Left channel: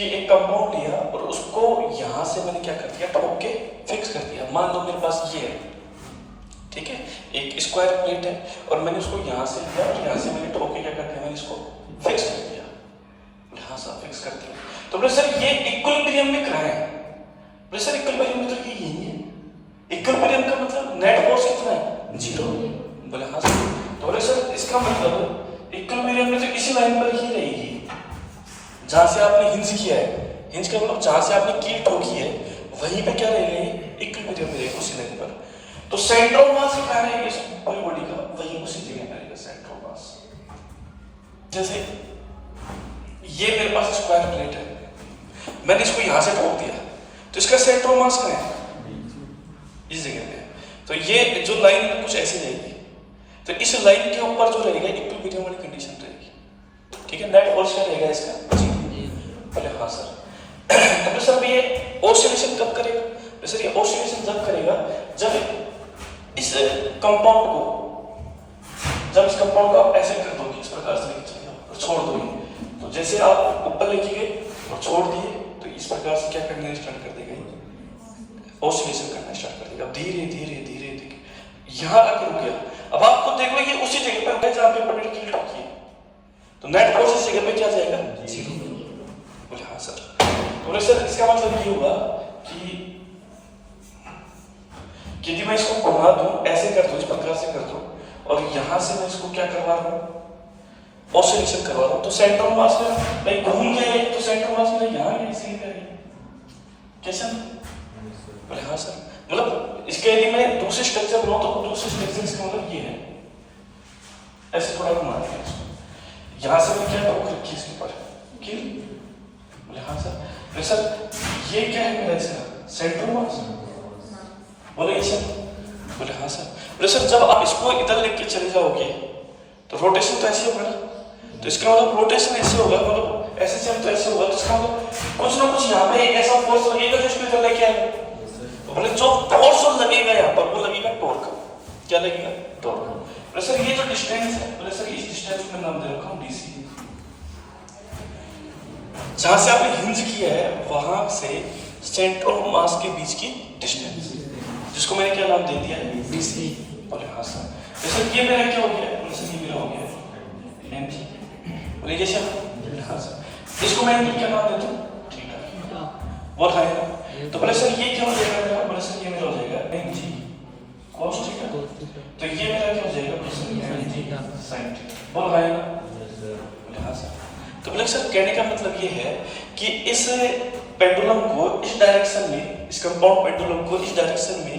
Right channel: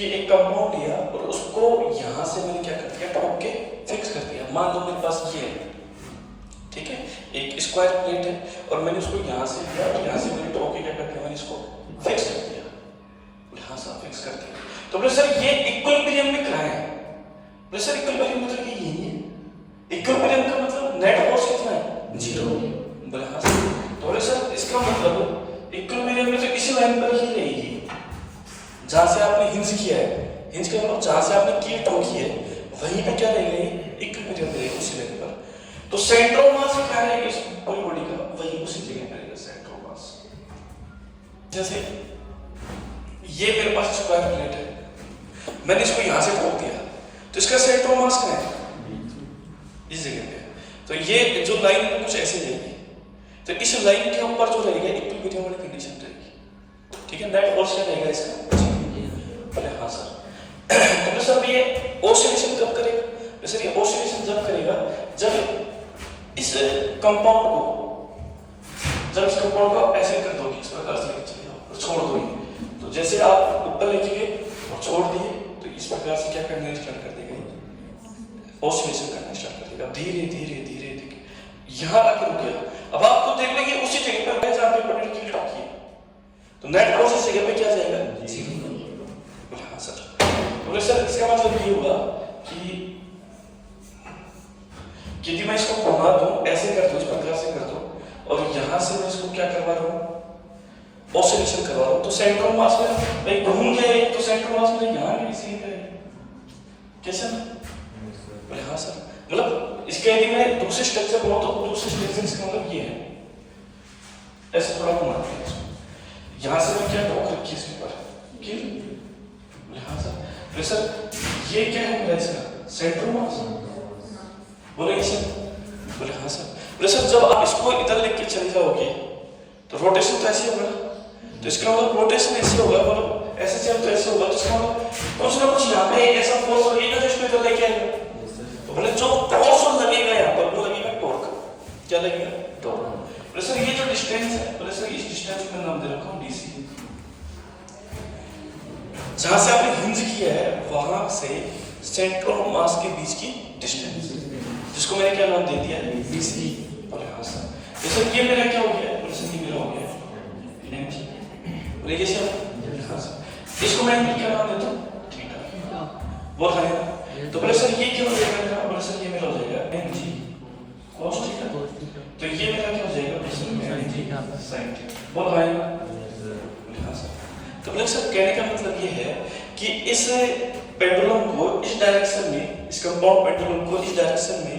कि एक कंपाउंड लिया और उसको यहाँ से मैंने क्या कर दिया, ठोक के फिक्स कर दिया। मान लो मेरे पास ये है, ठीक है, एक स्क्वायर प्लेट है और मैंने उसको यहाँ से लिया और यहाँ से मैंने ठोक के क्या कर दिया, मैंने इसको फिक्स कर दिया। यहाँ से फिक्स कर दिया। तो बोले सर ये इक्विलिब्रियम में कहाँ है? बोले सर इक्विलिब्रियम मतलब ये यही है। इक्विलिब्रियम का मतलब नेट फोर्स कितना है? 0। बोले हाँ सर। तो बोले सर इसका मतलब इक्विलिब्रियम में तो इसी लाइन पर ही रहेगी जहां से आपने हिंज किया है। हिंज का मतलब जहां से आपने कील ठोकी है वहीं पे क्या रहेगा, इक्विलिब्रियम में रहेगा, उसी लाइन पर। तो सेंटर ऑफ मास कहाँ है इस पूरी बॉडी का? वहीं उसी जगह पर रहेगा सेंटर ऑफ मास। जैसे ये मेरे पास स्क्वायर प्लेट है, मैंने इसको यहां से ठोक दिया, तो इसका सेंटर ऑफ मास कहाँ है? इस जगह पे। तो ये जो लाइन है कुछ ऐसे जाएगी, तो इस लाइन के ऊपर जो रहेगा इक्विलिब्रियम वाली कंडीशन रहेगी, ठीक है। नेट फोर्स क्या रहेगा इसका? बोले हाँ सर। तो सर ये ऑसिलेशन कब करेगा? सर ये ऑसिलेशन जब करेगा जब इस कंपाउंड को आप ऐसे कर दोगे, इस प्रकार से लेके चले जाओ और छोड़ दोगे। तो जैसे आप ऊपर लेके गए और छोड़ दिए तो इस प्रकार से क्या करना स्टार्ट कर देगा, ऑसिलेशन करना स्टार्ट कर देगा। धीरे धीरे धीरे धीरे यहाँ आके रुक गया। अब आपको देख लो ये उसी जगह पर है जहाँ पे पटरी की ठोकी है, तो नेट फोर्स इस जगह पे क्या जाएगा? 0। बोले हाँ सर। बोले सर इसका मतलब ये हुआ कि यदि मैं इसको घुमा दूं, ऐसे कर दूं, इस प्रकार से कर दूं और यहां से मैं इसको क्या करवा रहा हूं, ऑसिलेशन करवा रहा हूं, तो सेंटर ऑफ मास में भाई घूम गया तो सेंटर ऑफ मास में यहां भी इसी पे कैसे? बोले हाँ सर। मतलब इसके यदि मैं दूसरे स्ट्रक्चर बनाऊं तो दूसरे स्ट्रक्चर इसका मतलब ये है, ऐसे थोड़ा घुमाना है इसको, यहां से मैं क्या ठोक रखी इसके ऊपर कील। बोले हाँ सर। बोले सर ये क्या है मेरा इसका सेंटर ऑफ मास? बोले ये सर। बोले हाँ सर। बोले सर जब आप इसको इधर लेके चले जाओगे तो रोटेशन तो ऐसे होगा ना, तो इसका मतलब रोटेशन ऐसे होगा, मतलब ऐसे चले तो ऐसे होगा, तो इसका मतलब कुछ ना कुछ यहाँ पे एक ऐसा फोर्स लगेगा जो इसको इधर लेके आएगा। तो बोले जो फोर्स लगेगा यहाँ पर वो लगेगा टॉर्क। क्या लगेगा? टॉर्क। बोले सर ये जो डिस्टेंस है, बोले सर इस डिस्टेंस को मैं नाम दे रखा हूँ डीसी। जहां से आपने हिंज किया है वहां से सेंटर ऑफ मास के बीच की डिस्टेंस, जिसको मैंने क्या नाम दे दिया है? डीसी। बोले हाँ सर। सर ये मेरा क्या हो गया? बोले सर ये मेरा हो गया एमजी। बोले ये सर। बोले हाँ सर। इसको मैं क्या नाम देता हूँ? थीटा। बोल हाँ ना। तो बोले सर ये क्या हो जाएगा? बोले सर ये मेरा हो जाएगा एमजी cos थीटा। तो ये मेरा क्या हो जाएगा? बोले सर एमजी sin थीटा। बोल हाँ ना। बोले हाँ सर। तो बोले सर कहने का मतलब ये है कि इस पेंडुलम को इस डायरेक्शन में, इस कंपाउंड पेंडुलम को इस डायरेक्शन में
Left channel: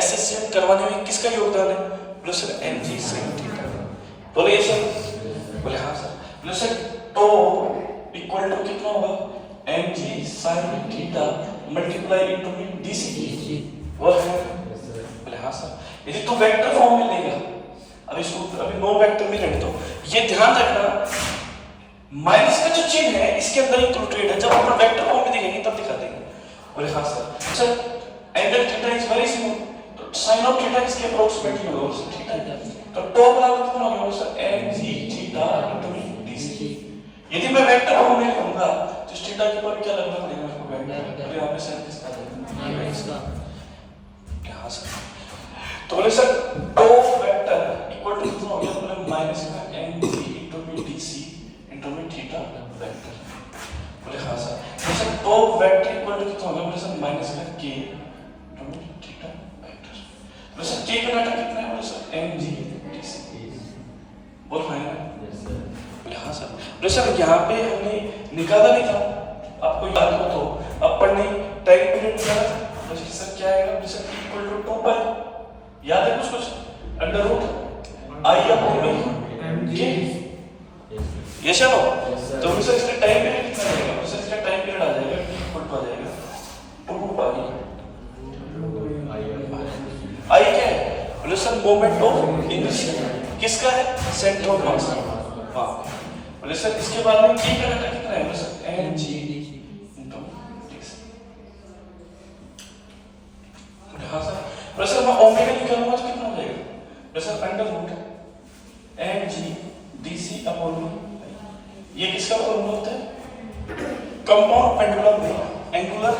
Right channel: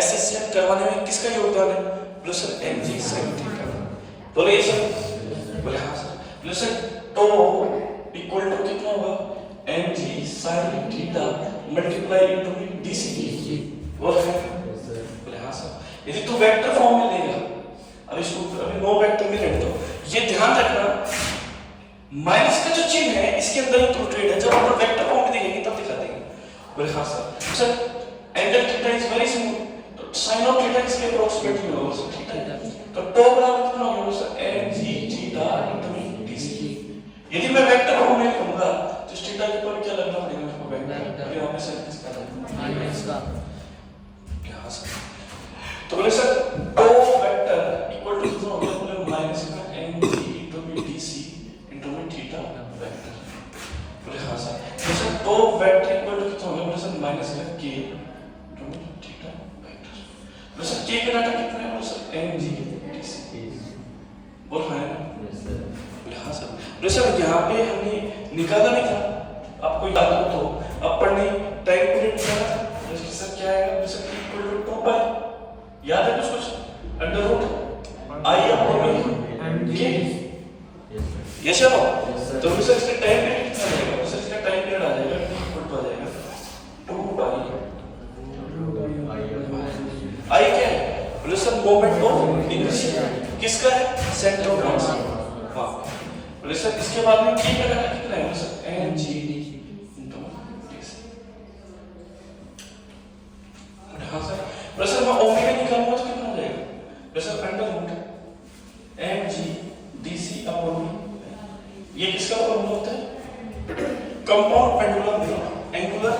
एसेसिएट करवाने में किसका योगदान है? बोले सर mg sin थीटा। बोले ये सर। बोले हाँ सर। बोले सर तो इक्वल टू कितना होगा? mg sin theta multiply into dc। बोले हाँ सर। यदि तू वेक्टर फॉर्म में लेगा, अब इसको अभी नो वेक्टर में रहने दो, ये ध्यान रखना माइनस का जो चिन्ह है इसके अंदर इंक्लूडेड है, जब अपन वेक्टर फॉर्म में देखेंगे तब दिखा देंगे। बोले हाँ sir. Sir angle theta is very smooth, तो sin ऑफ थीटा इसके अप्रोक्सीमेटली होगा सर, ठीक है। तो टॉप बराबर कितना हो गया sir? mg theta into dc। यदि मैं वेक्टर फॉर्म में लिखूंगा तो इस थीटा के ऊपर क्या लगना पड़ेगा मेरे को? वेक्टर। और यहां पे सर किसका है? माइनस का। हाँ सर। तो बोले सर टॉप वेक्टर इक्वल टू कितना हो गया? बोले माइनस का mg into dc theta vector. बोले हाँ सर। तो सर टॉप वेक्टर इक्वल टू कितना होगा? बोले सर माइनस का k थीटा वेक्टर। बोले सर k का डाटा कितना है? बोले सर mg dc। बोल हाँ ना। बोले हाँ सर। बोले सर यहाँ पे हमने निकाला भी था, आपको याद हो तो अपन ने टाइम पीरियड निकाला था। बोले सर क्या आएगा? बोले सर इक्वल टू 2 पाई, याद है कुछ? Under root I upon k। ये चलो तो सर इसका टाइम पीरियड कितना रहेगा? सर इसका टाइम पीरियड आ जाएगा इक्वल टू आ जाएगा 2 पाई। आई क्या है? बोले सर मोमेंट ऑफ इनर्शिया। किसका है? Centre of mass. हां। बोले सर इसके बाद में k का डाटा कितना है? बोले सर mg इनटू dc। बोले हां सर। बोले सर मैं ओमेगा निकालूंगा तो कितना हो जाएगा? बोले sir under root mg dc upon ये किसका फॉर्मूला होता है? कंपाउंड पेंडुलम में एंगुलर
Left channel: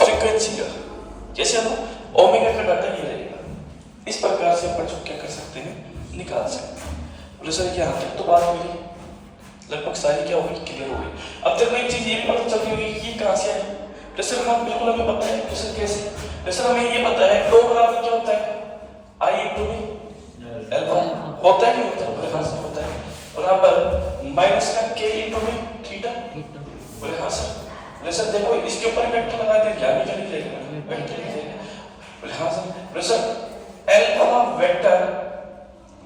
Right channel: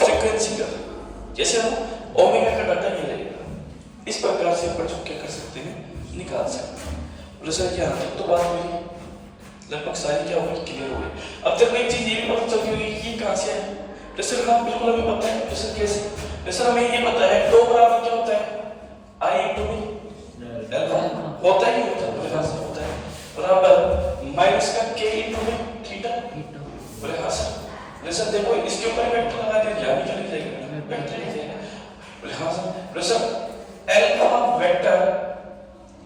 फ्रीक्वेंसी का जैसे हम ओमेगा का डाटा ये रहेगा, इस प्रकार से अपन क्या कर सकते हैं, निकाल सकते हैं। बोले सर यहाँ तक तो बात हुई, लगभग सारी क्या होगी, क्लियर हो गई। अब तक एक चीज ये भी पता चलती होगी कि ये कहाँ से है। प्रेशर हाँ बिल्कुल हमें पता है प्रेशर कैसे, प्रेशर हमें ये पता है टो बराबर क्या होता है, आई इंटू बी अल्फा होता है कि नहीं होता है, बराबर माइनस का के इंटू बी थीटा। बोले हाँ सर, बोले सर देखो इसके ऊपर वेक्टर लगा दे, यहाँ भी चली जाएगा वेक्टर ही जाएगा। बोले हाँ सर, बोले सर अल्फा वेक्टर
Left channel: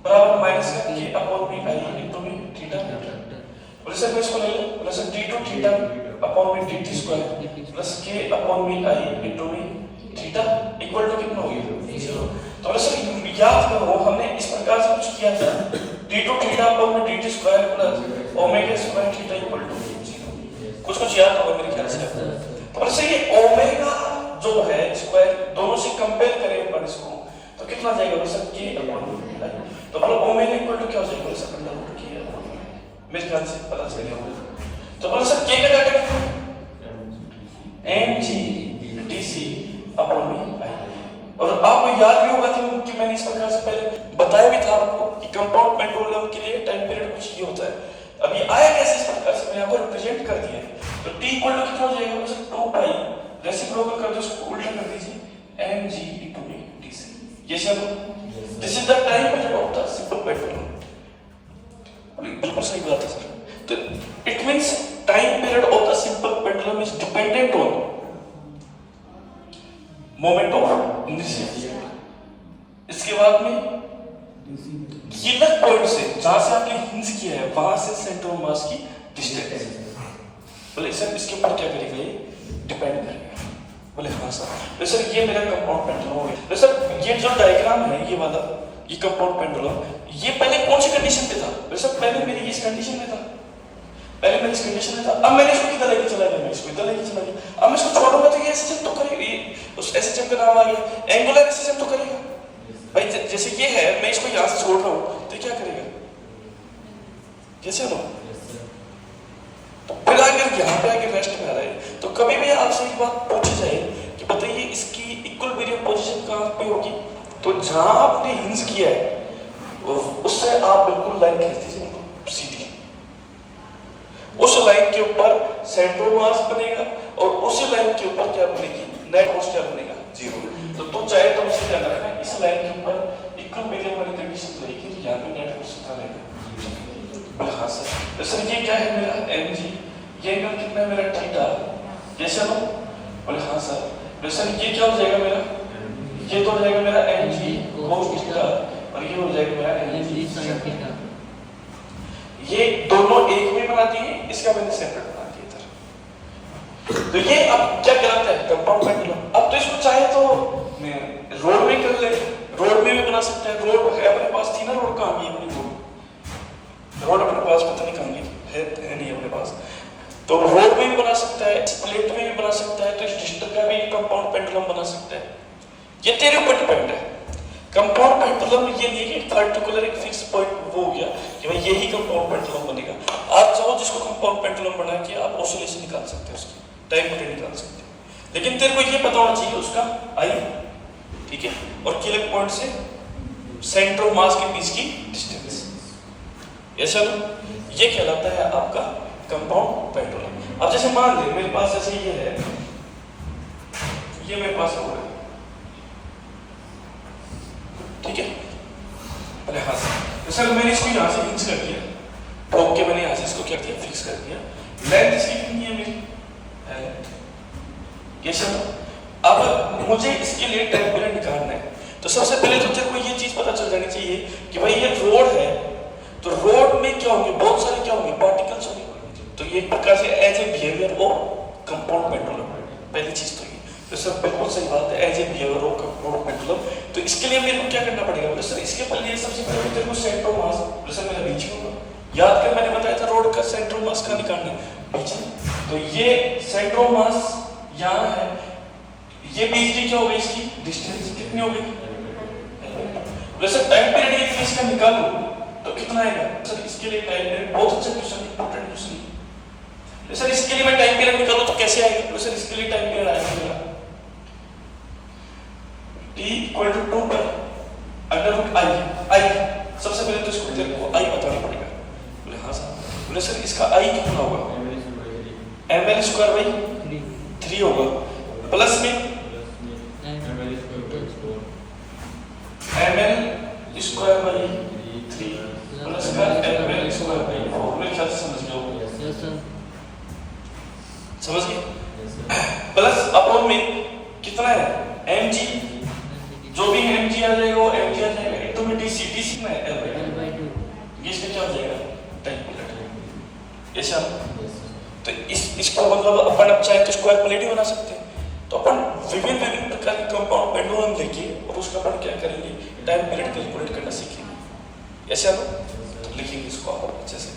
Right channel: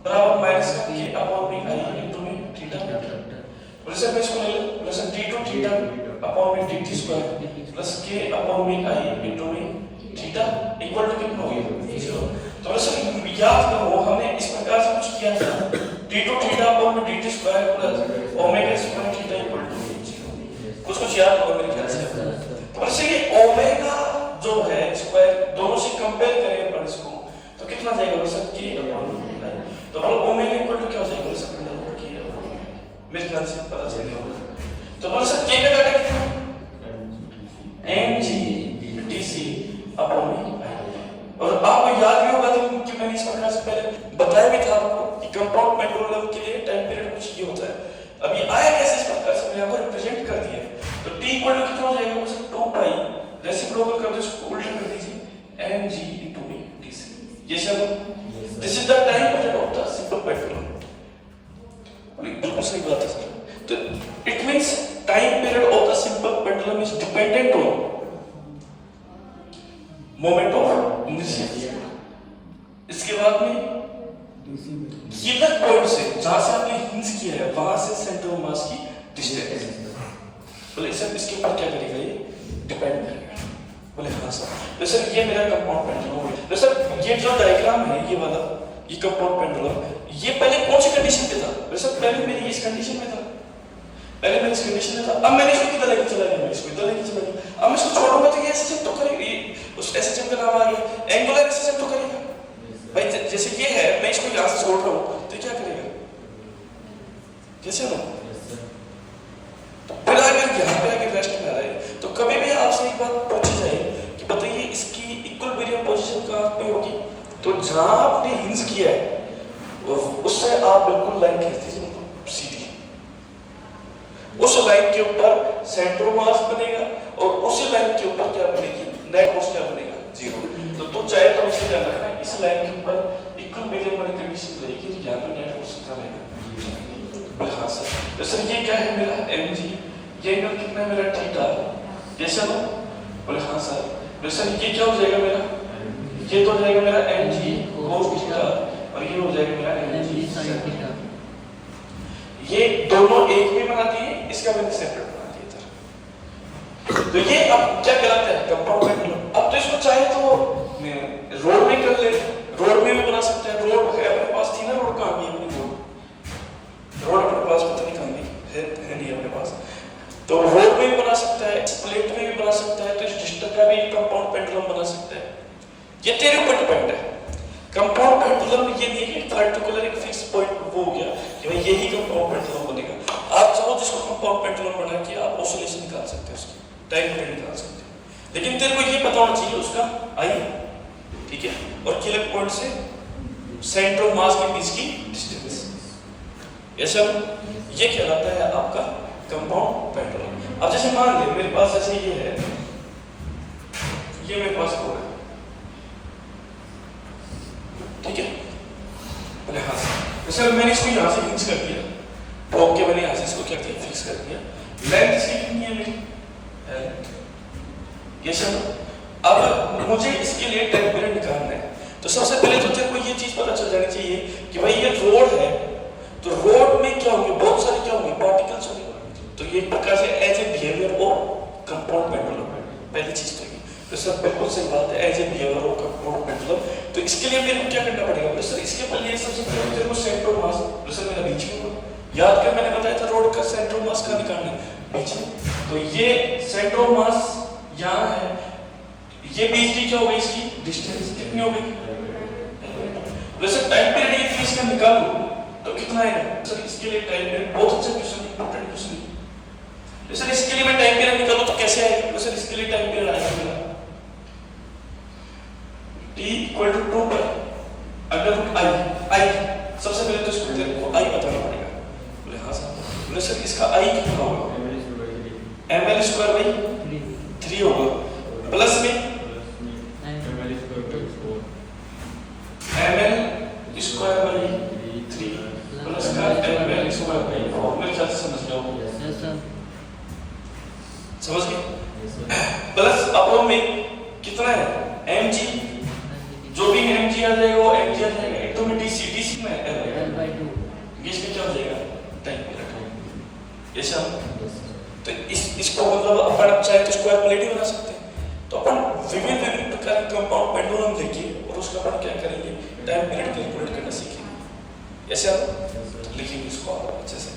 बराबर माइनस का k upon by I into by theta. बोले सर मैं इसको ले लूं, बोले sir d2 theta upon by dt square plus k upon by I into by theta equal to कितना हो गया 0। तो बोले सर याद करो हमने इस प्रकार से कुछ किया था, d2 theta upon by dt square plus omega square theta equal to 0। कुछ याद होगा मेरे ख्याल से। तो बोले सर ये ओमेगा जो है स्क्वायर दोनों से कंपेयर करें अपन इसको तो कितना जाएगा, बोले sir k upon by I. तो बोले ओमेगा इक्वल टू क्या हो जाएगा, बोले सर मेरे ख्याल से पता चल गया। तो बोले सर के का डाटा कितना है, mg dc upon by I. और आपको याद भी होगा कि मैंने इस प्रकार से पहले बताया भी था आपको कि कंपाउंड पेंडुलम के लिए टाइम पीरियड कुछ ये होता है। अब ये आया कैसे, इस प्रकार से मैंने आपको रिप्रेजेंट कर दिया है। तो t इक्वल टू कितना हो जाएगा, बोले सर 2 पाई रेसिप्रोकल कर दो, इसको उल्टा कर दीजिए mg into b dc। ये सब this is the time period of the simple pendulum. बिल्कुल सही बात है सर। तो it means time period of the simple pendulum is dependent on moment of inertia. इसके बाद में ये पॉइंट से जहां से आपने हिंस किया है वहां से सेंटर ऑफ मास की डिस्टेंस। बोले सर इसके ऊपर क्या करेगा, ये डिपेंड करेगा। बोले हाँ सर। तो सर ये मेरा कंपाउंड पेंडुलम हो गया। तो सर ये जो डायग्राम है ये वाला, ये कंपाउंड पेंडुलम ये पहले कौन सी कंडीशन पे था, वैसे पहले मेरी इस कंडीशन में था, पहले मेरी इस कंडीशन में था। अब मैंने इसको किधर लेके चला गया, मैं इसको इधर लेके चला गया। अब मैं इसको छोड़ूंगा तो ये एसएचएम तो करेगा, ये उस एसएचएम का नाम आ गया एंगुलर एसएचएम तो करेगा भाई। जैसे ये है मैं इसको यहां से छोड़ रहा हूं तो क्या करेगा, जैसे ना तो फिर आगे यहां पे आके रेस्ट में आ रहा है। तो कभी भी आपसे एक बात पूछी जाए कि बताइए इसकी इक्विलिब्रियम पोजीशन कहां पे होगी, तो जहां आपने हिंस किया है उससे आप बिल्कुल लाइन खींच दीजिए सीधी, उस लाइन के ऊपर सेंटर ऑफ मास बनेगा और उसी लाइन के ऊपर क्या बनेगी, नेट फोर्स क्या बनेगा, 0। तो चाहे तो उसे क्या रखना है, इस लाइन के ऊपर इक्विलिब्रियम वाली कंडीशन रहेगी तो यहां पे नेट फोर्स कितना रहेगा। हाँ सर। तो सर ये क्या है मेरा mg, ये एंगल कितना है मेरा थीटा, जैसे ना बोले हाँ सर। तो सर ये क्या हो जाएगा मेरा, ये तो हो जाएगा मेरा mg cos थीटा और ये हो जाएगा मेरा mg sin थीटा। ये दोनों एक में बनाती है, इसका मैंने सेपरेट बना दिया था। तो ये अब क्या कहलाता है, कंपाउंड पेंडुलम। अब तो इसको चाहे तो रोड में कर ले, रोड में भी बना सकते हैं। रोड है अपने पास, थी ना रोड, कहाँ गई अपनी रोड अपने पास, पता नहीं कहाँ गई है नहीं अपने पास। तो रोड में भी बना सकता है, प्लेट में भी बना सकता है, तो इस डिस्टेंस का भी कंपाउंड पेंडुलम बना सकता है। ये तेरे ऊपर डिपेंड है। कंपाउंड पेंडुलम ये नहीं है कि पर्टिकुलर एक फिक्स पॉइंट वो हो गया कि भाई यही कंपाउंड पेंडुलम बनेगा। आप चाहो जिसको कंपाउंड पेंडुलम बना के आप ऑसिलेशन निकाल सकते हैं, उसकी टाइम पीरियड निकाल सकते हैं, लेकिन तेरे को ये पता होना चाहिए उसका आई, ठीक है, और किलर पॉइंट से सेंटर ऑफ मास के बीच की डिस्टेंस। ऐसा ये कहलाता है आपका कंपाउंड पेंडुलम। अब जैसे मान ले मेरे पास ऐसे ये है, ये मेरे पास रोड है, ठीक है, अरे हाँ सर मैंने इसको यहाँ से फिक्स कर दिया, ठोक के मैंने यहाँ से इसको क्या किया, फिक्स कर दिया। लेंथ इसकी कितनी है मेरी, ये सब। अब मुझे इसके लिए टाइम पीरियड निकालना है, तो सबसे पहले तो तेरे को ये चीज पता चल जानी चाहिए कि भाई ये रोड है, तो रोड में क्या होंगे, बहुत सारे क्या होंगे, पार्टिकल्स होंगे। तो ये एक प्रकार से as a behaviour of compound pendulum, पहली चीज तो ये। तो सर बिल्कुल सही बात है, as a behaviour of compound pendulum. तो इसके लिए मेरे को क्या करना पड़ेगा, बोले सर इसके पहले सबसे पहले तेरे को सेंटर ऑफ मास, बोले सर मेरा बीच में याद कर, मैंने बताया था रोड का सेंटर ऑफ मास का निकालना बीच में। तो ये सेंटर ऑफ मास यहाँ है, ये बीच की क्या हो गई, इसकी डिस्टेंस कितनी हो गई, बोले सर टाइम पीरियड ये इसका निकालूं तो कितना आएगा। सर इसके लिए टाइम पीरियड बहुत अच्छा क्वेश्चन, इंपॉर्टेंट क्वेश्चन। तो सर इसके लिए मैं टाइम पीरियड निकालूं तो कैसे आएगा? तो सर इसके लिए टाइम पीरियड आएगा मेरा t इक्वल टू 2 पर अंडर रूट आई। सबसे पहले तो इसको तेरे को आई बताना पड़ेगा। बोले हाँ सर। बोले सर इसका आई कितना होगा? ml स्क्वायर बाई 3 होगा, प्लस में ml स्क्वायर बाई 3 प्लस का ml स्क्वायर बाई 4। मेरे ख्याल से समझ लो, समझ गए? प्लस अपॉन में कितना है? mg, जो भी mg आ जाएगा वो mg आ जाएगा। एक तो में dc में l/2, इसमें क्या हो जाएगा? Time period. ऐसा तो इसको मतलब अपन अब चाहे तो स्क्वायर प्लेट ही बना सकते हैं। तो अपन विभिन्न प्रकार के कंपाउंड पेंडुलम लेके और उसका अपन क्या करेंगे? टाइम पीरियड कैलकुलेट करना सीखेंगे। ऐसे हम लिखेंगे इसको आप अच्छे से।